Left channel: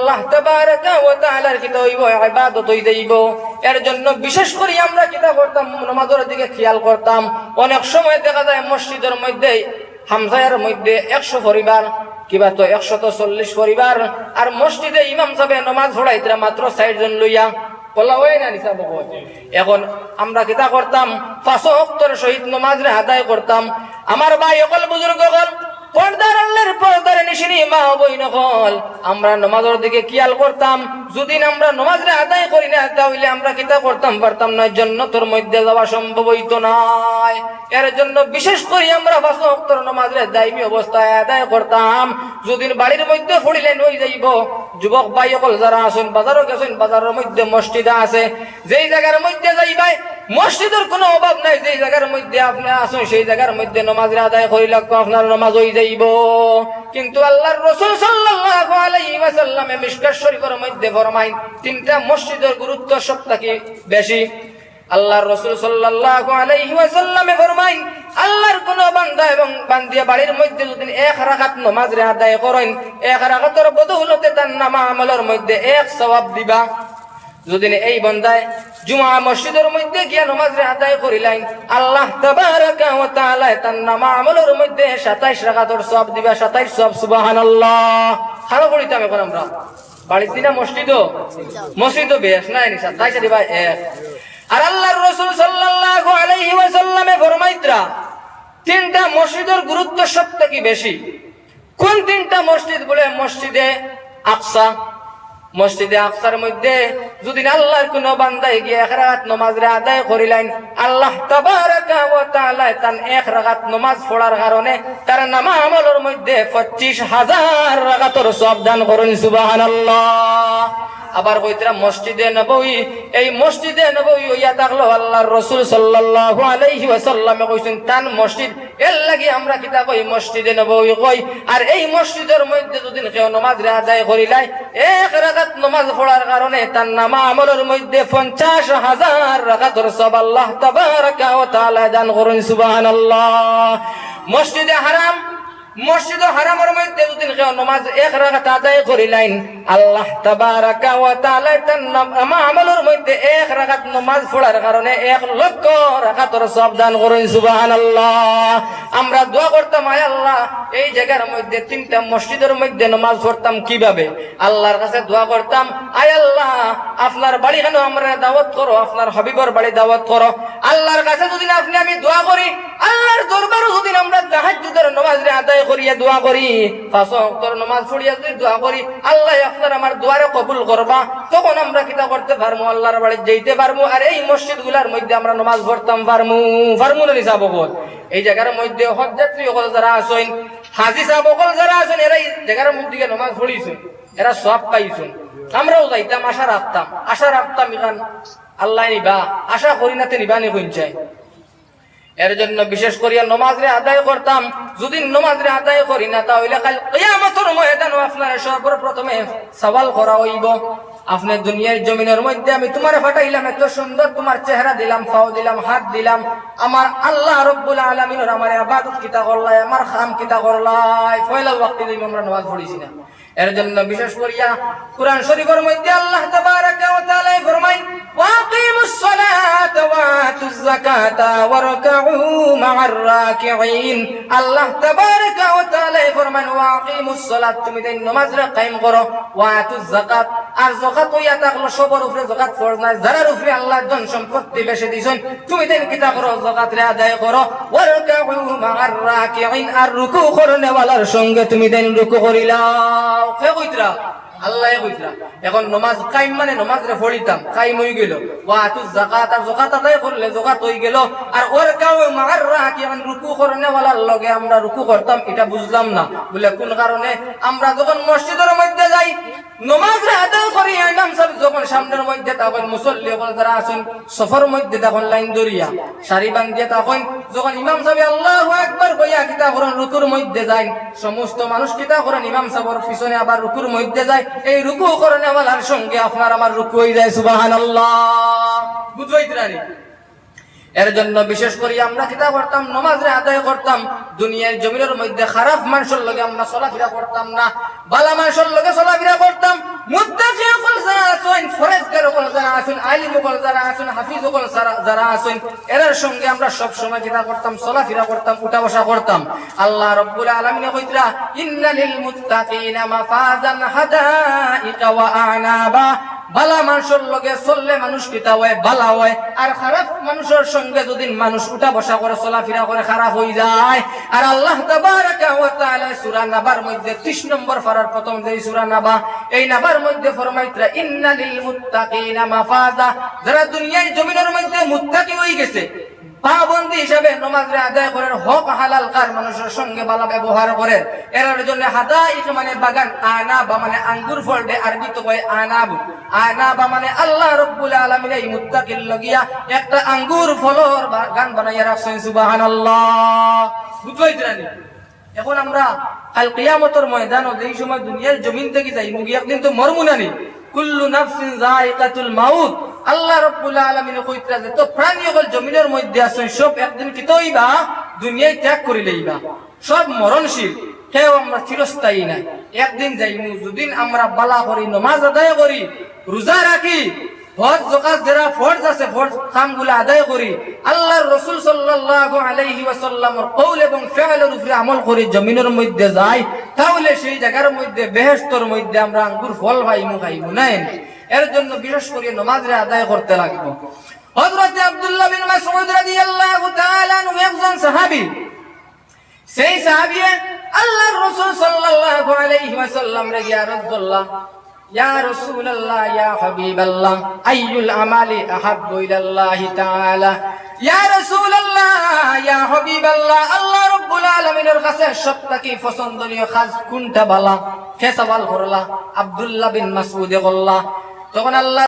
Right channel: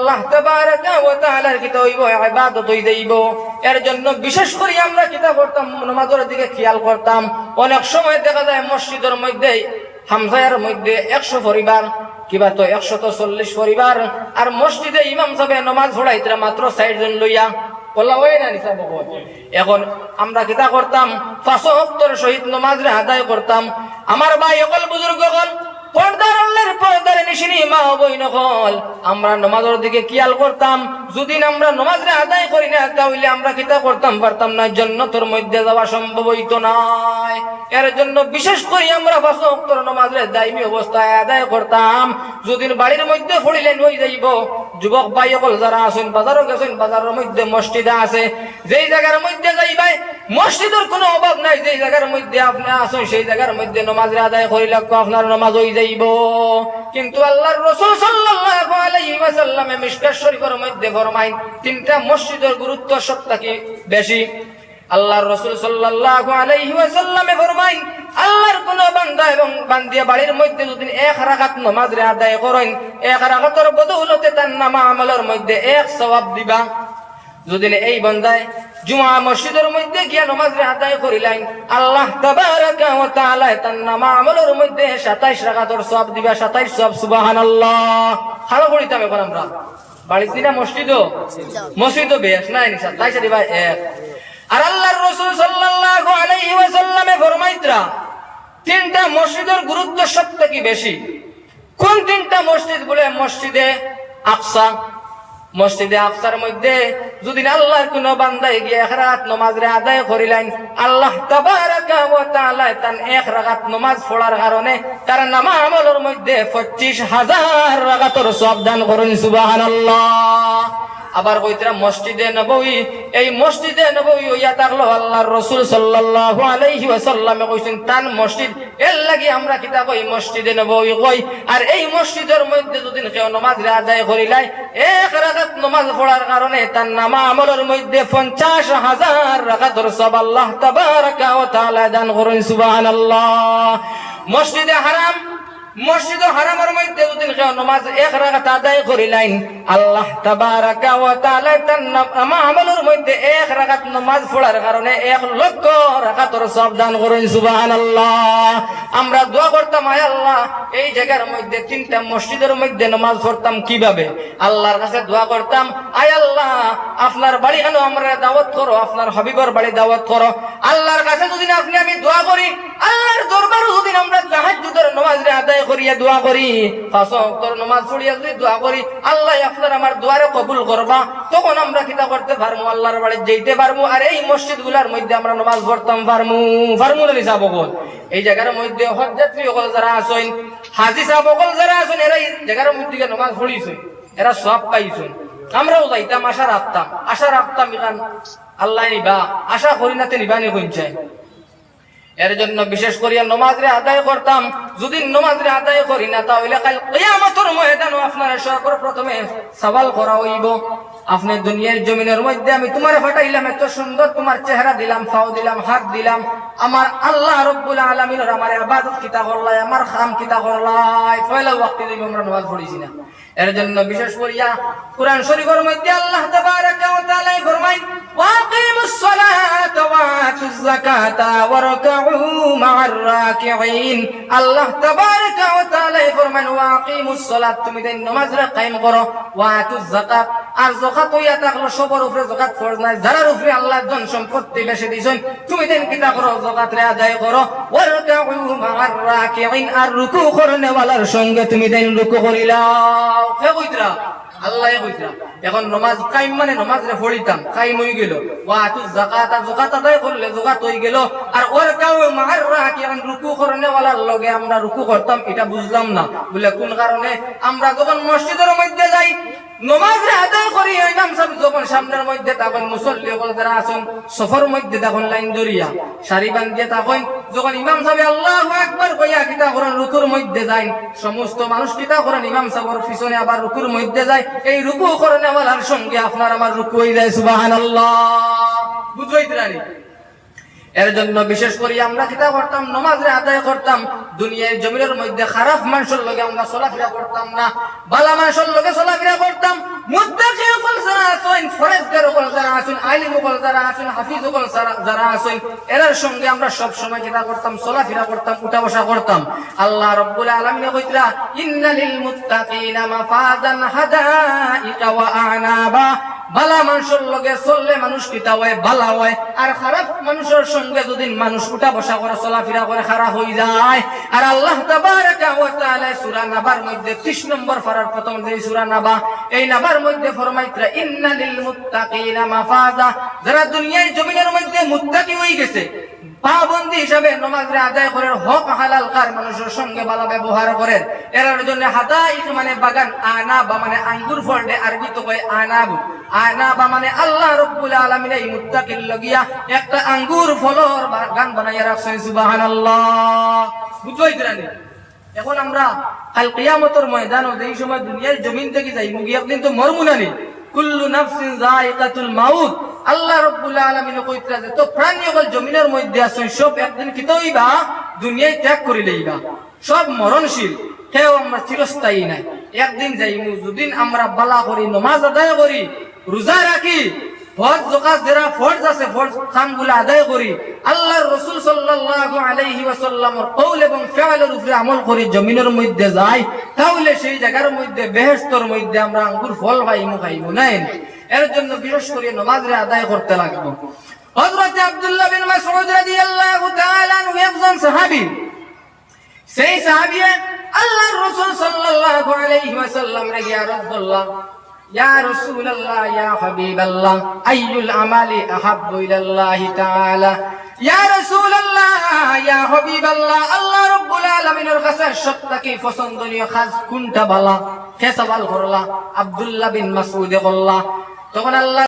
আল্লাহ তাবারাকা ওয়া তাআলার কিতা হইব, ইবাদত হই এর জন্য বিশেষ করে আমরা কিতা করতাম নামাজের দিকে খেয়াল করতাম। অনেক সময় দেখা যায় মসজিদের মধ্যে হামসায়ের মধ্যে একশো পরিবার, কিবা তো একশত চল্লিশ পরিবার, আর মসজিদে ইমাম সাহেব মাত্র ষাট জন লইয়া এখন আমরা কিতা করতাম পাঁচশো সহিত নমাজ আদায় করতাম। আমার ভাই, অকল বুজুর্গ হল পর্দার নিশিনি মা বই নকল আমরা নমাজের দিকে কিয়াল করতাম যদি আমরা নমাজরে আদায় করি না, তাহলে আমরা কিতা করতাম? পারতাম না, জন্নতর মধ্যে যাওয়া সম্ভব হইতো নয় এর জন্য বিশেষ করে আমরা পাঁচ অক্তর নমাজরে দায়মি অবস্থায় আদায় করতাম। যদি বাড়ির মধ্যে পড়িলেন হয়ে যাইব। যুবক ভাই সকল যারা আছেন, বাজারও গেছেন, বাজারের মধ্যে মসজিদ আছে। যেই জায়গার মধ্যে যাইবাই, মসজিদের কোনো অভাব নাই। যেই জায়গার মধ্যে আপনার আছেন, সেই জায়গার মধ্যে নমাজ আদায় করিলে আপনার নমাজ হয়ে যাইব। কিন্তু আল্লাহর রসুল সাল্লাল্লাহু আলাইহি ওয়াসাল্লামে মিশকাত শরীফের মধ্যে ফরমাই তিনটা মসজিদের গুরুত্ব সব বেশি। আল্লাহর রসুল সাল্লাল্লাহু আলাইহি ওয়াসাল্লামে ফরমাই আল্লাহর কোন বান্দা এবং বান্দিয়া বাড়ির মধ্যে যদি এক রাকাত নামাজ আদায় করেন, এক রাকাতের বদৌলতে তার নামা আমলের মধ্যে এক সওয়াব দিবা। যদি এই বান্দায় জুমা মসজিদের মধ্যে গিয়া নামাজ আদায় করিলেন, আল্লাহ তাবারাকা ওয়া তাআলা তার নামা আমলের মধ্যে 27 রাকাতের সওয়াব দিবা 27 সওয়াব, সুবহানাল্লাহ। খালো করিতাম এখন আমরা বাড়িতে না মসজিদও মসজিদও বেশ, না ইনশা তাই দিবা ভাই আর আল্লাহর রাসূল সাল্লাল্লাহু আলাইহি ওয়াসাল্লামে ফরমাইতরা, তিনটা মসজিদের গুরুত্ব সব থেকে বেশি। কোন তিনটা মসজিদ বলে মসজিদে আকসা? মসজিদে আফসার মধ্যে যদি আল্লাহর কোন বান্দায় গিয়ে এক রাত নমাজ আদায় করিলেন, আল্লাহ তান এক রাগাত নমাজ পড়ার কারণে তার নামা আমলের মধ্যে 25000 রাকাতের সওয়াব দান করেন, সুবহানাল্লাহ। আবার কইতরা মসজিদে নববী। এই মসজিদে নববী হইয়া থাকল আল্লাহর রাসূল সাল্লাল্লাহু আলাইহি ওয়াসাল্লামে কইছেন, তান মসজিদ, এর লাগি আমরা কিতা কই মসজিদে নববী কই। আর এই মসজিদের মধ্যে যদি কেউ নামাজ আদায় করিলাই এক রাকাত নামাজ পড়ার কারণে তার নামা আমলের মধ্যে 50000 রাকাতের সব আল্লাহ তাবারাকা ওয়া তাআলা দান করেন, সুবহানাল্লাহ। মসজিদে হারাম এক তিনটা মসজিদের মধ্যে নমাজ পড়তাম কীভাবে? আল্লাহর কাছে দোয়া করতাম, আয় আল্লাহ, আপনার বাড়ি কেন আমরা দাওয়াত করো? আপনার হবিবর বাড়ি দাওয়াত করো। আল্লাহর কাছে যদি আপনি আমি দোয়া করি, আল্লাহর দরবারে যদি আমরা তাহাজ্জুদের নমাজ আদায় করিয়া দোয়া করি। নামাজ পড়িয়া যদি দোয়া করি, আল্লাহ আপনার আমার দোয়ারে কবুল করবা। তখন আমরা কিতা করতে পারব আল্লাহর বাড়ি যেতে পারব আর এই মসজিদগুলার মধ্যে আমরা নামাজ পড়তাম পারমু। পারমু নিসা এই জায়গার মধ্যে হজ যাত্রী সকল যারা আছেন, হাজি সাহেব সকল যারা আছেন, এরা এই জায়গার মধ্যে নামাজ পড়িছেন এরা সব পাইছেন। আমরাও যাইতাম, আশা রাখতাম। আশা রাখতাম ইখান আল্লাহ নিবা। আশা করি না তে নিবা নি চাই এর জন্য বিশেষ করিয়া নমাজরে আদায় করতাম। যদি নমাজের আদায় করি না, তাহলে কাল কিয়ামতের ময়দানে আপনার সর্বপ্রথমে সওয়াল করা হইব। আপনি দুনিয়ার জমিনের মধ্যে আমি তোমার ফাটাইলাম, এত সুন্দর তোমার চেহারা দিলাম, ফাও দিলাম, হাত দিলাম। আমার আল্লাহ রব্বুল আলামিনের আমার ইবাদত কিতা করলাই, আমার খাম কিতা করলাই। ফয়লা ওয়াক্তে দিবি, আমরা নামাজ পড়িছি না। এর জন্য বিশেষ করিয়া কুরআন শরীফের মধ্যে আল্লাহ তাবারাকা ওয়া তাআলা ফরমায় ওয়াকিমুস সালাতা ওয়া আতুজ যাকাতা রাকউ মা'আর রাকিঈন। আল্লাহ তাবারাকা ওয়া তাআলা ফরমান ওয়াকিমুস সালাত, তুমি নামাজ কায়েম করো। ওয়া আতুজ যাকাত আর জকাত হইয়া থাকল সবার উপরে জকাত ফরজ না যারার উপরে আল্লাহ ধন সম্পত্তি বেশি দিছেন, তুমি দেন কিতা করো জকাত রে আদায় করো। আর রুকু করনে ওয়ালার সঙ্গে তুমি দেন রুকু করিলাও। কে কইতরা? আল্লাহ কইতরা। এখন নমাজ কাইম মানে নমাজ রে পড়িতাম কাইম হই গেল। ওয়া আতু যাকাত যাকাত আদায় করলে যাকাত হই গেল। আর ওর কাউ মার রাখি এখন রুকু করনে ওয়ালার লগে আমরা রুকু করতাম, এটা বুঝলাম না। বলে, কোন কারণে? আমরা যখন মসজিদের মধ্যে যাই, নমাজ রে আদায় করি, ইমাম সাহেব যখন সামনের মধ্যে তখন মুসল্লি যারা আছেন, সফর মধ্যে তখন লাইন ধরিয়া সারি তখন যখন ইমাম সাহেব আল্লাহু আকবার কইয়া কিতা করেন, রুকুর মধ্যে যায় সমস্ত মানুষ কিতা করেন, ইমাম সাহেবের পিছনে আবার রুকুর মধ্যে যায়। এই রুকু করেন আমার সঙ্গে আপনার আমার রুকু হয়ে যায় সুবহানাল্লাহ বুঝবাইতে এর জন্য বিশেষ করে আমরা কিতা করতাম নমাজে আদায় করতাম, দুনিয়ার জমিনের মধ্যে খারাপ মানুষের লগে আমরা চলাফেরা করতাম না, বালা মানুষের লগে চলাফেরা করতাম। যারা হাফিজ যারা- এরার সঙ্গে আমরা করতাম, চলাফেরা করতাম, উঠা বসা করতাম। আল্লাহ বালা মানুষের লগে চললে মানুষ কিতা হয়? বালা হয়। আর খারাপ মানুষের সঙ্গে যদি মানুষ উঠা বসা করে, চলাফেরা করে, খারাপ হয়ে যায়। আর আল্লাহ সুরা নাবার মধ্যে 30 নম্বর ফারার প্রথম যে সুরা নাবা, এই নাবার মধ্যে ফরমাইতরা, ইন্নালিল মুত্তাকিনা মাফাজা যারা দুনিয়ায় জমিনের মধ্যে মুত্তাকি হয়ে গেছে পাবন্দি হিসাবে নমাজরে আদায় করেন, হক হালাল কার মানুষের সঙ্গে ভালো ব্যবহার করেন। এর জন্য হাদাইক মানে বাগান, আনা বা মানে আঙ্গুর ফল দে আরবি তো কয় আনাব আনা বা মানে আল্লাহ রব্বুল আলামিন এই লগিয়া একটা আঙ্গুর ফলর বাগান বানাইয়া রাখছেন, সুবহানাল্লাহ। বুঝবাই দিরানি এখন আমরা কাল সময় দুনিয়ার জমিন থেকে যাই মুগি একদিন তো মরমু নানি কুল্লু নাফসিন যায়িকাতুল মাউত। আল্লাহ রাব্বুল আলামিন কইতরা যে তো প্রাণী সকল জমিনের মধ্যে আছেন, সব একদিন কি তৈবা? দুনিয়ায় ত্যাগ করে লইবা। সব মরণশীল। কেউ আমরা চিরস্থায়ী নাই। একদিন যাইমু, যদিন আমরা বালা করি, নমাজ আদায় করি, রোজা রাখি, ফরজ জকাত যারা ফরজ আছে, ফরজ কামগুলো আদায় করি। আল্লাহর রাসূল সাল্লাল্লাহু আলাইহি ওয়াসাল্লামের কওল এবং ফিআলের উপরে আমল করে, জমিনের মধ্যে যাই, তাহলে সেই জায়গার মধ্যে, বেহেশতের মধ্যে আমরা আঙ্গুর ফল পাইমু খাইমু নাই। এর জন্য বিশেষ করে নামাজরে আদায় করতে লাগবো। হযরত আব্দুল্লাহ বিন মাসউদ রাদিয়াল্লাহু তাআলা আনহু একজন সাহাবী। সেই সাহাবী আল্লাহর রাসূল সাল্লাল্লাহু আলাইহি ওয়াসাল্লাম রে ইয়া রাসূলুল্লাহ ইয়া রাসূলুল্লাহ, ইয়া হাবিবাল্লাহ, আইয়ুল আমালি আহাব্বু তাআলা? ইয়া রাসূলুল্লাহ, ইয়া হাবিবাল্লাহ, আল্লাহ রাব্বুল আলামিনের কাছে সবথেকে পছন্দনীয় কাজ কোনটা বালা? কে করলা? আব্দুল্লাহ বিন মাসউদ বললা তখন আল্লাহ